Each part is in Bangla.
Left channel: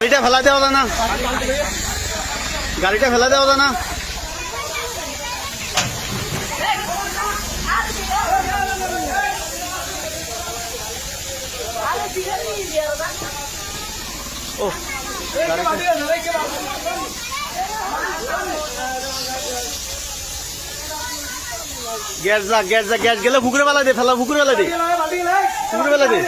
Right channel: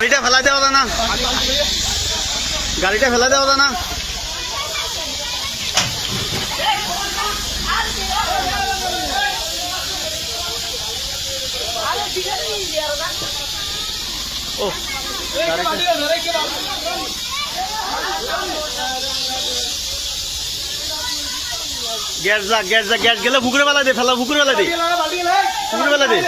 গাড়িটা ফেলা দেওয়া না, গাড়িটা ফেলা দেওয়া না। ও গ্যাস যা গ্যাস যা গ্যাস গেলে পুকুরে বেলা দে, ফেলা পুকুরে বেলা দে, পুকুরে বেলা দে।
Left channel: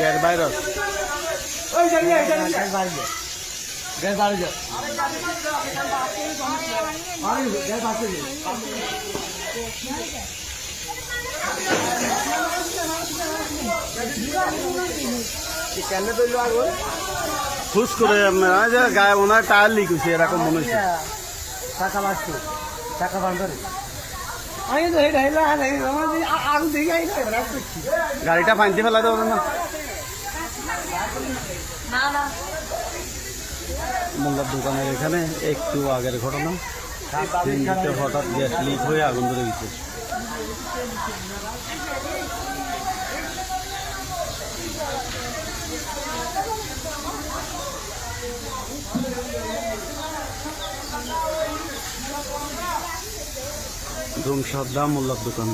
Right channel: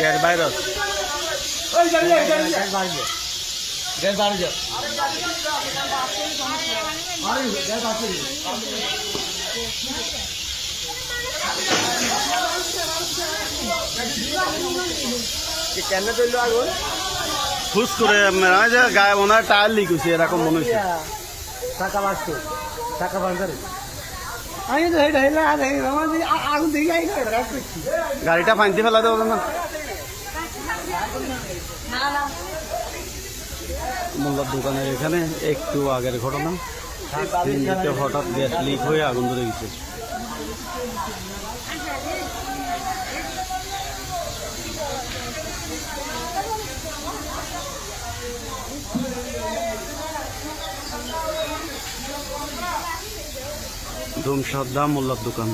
গ্যাস ভাইরাস ফুস করে গায়ে মনে হয় টায়ার লিক হয়েছে, এরকম মনে হচ্ছে। গাড়িটা ফাইনতে ফেলা দেবো না। মোল্লার দোকানের এখানে একটু আগের ঘটনা, সিএনজিতে হঠাৎ গ্যাস লিক হয়ে আগুন ধরে গেছে। ধুমসাদ্দা মোল্লার দোকান।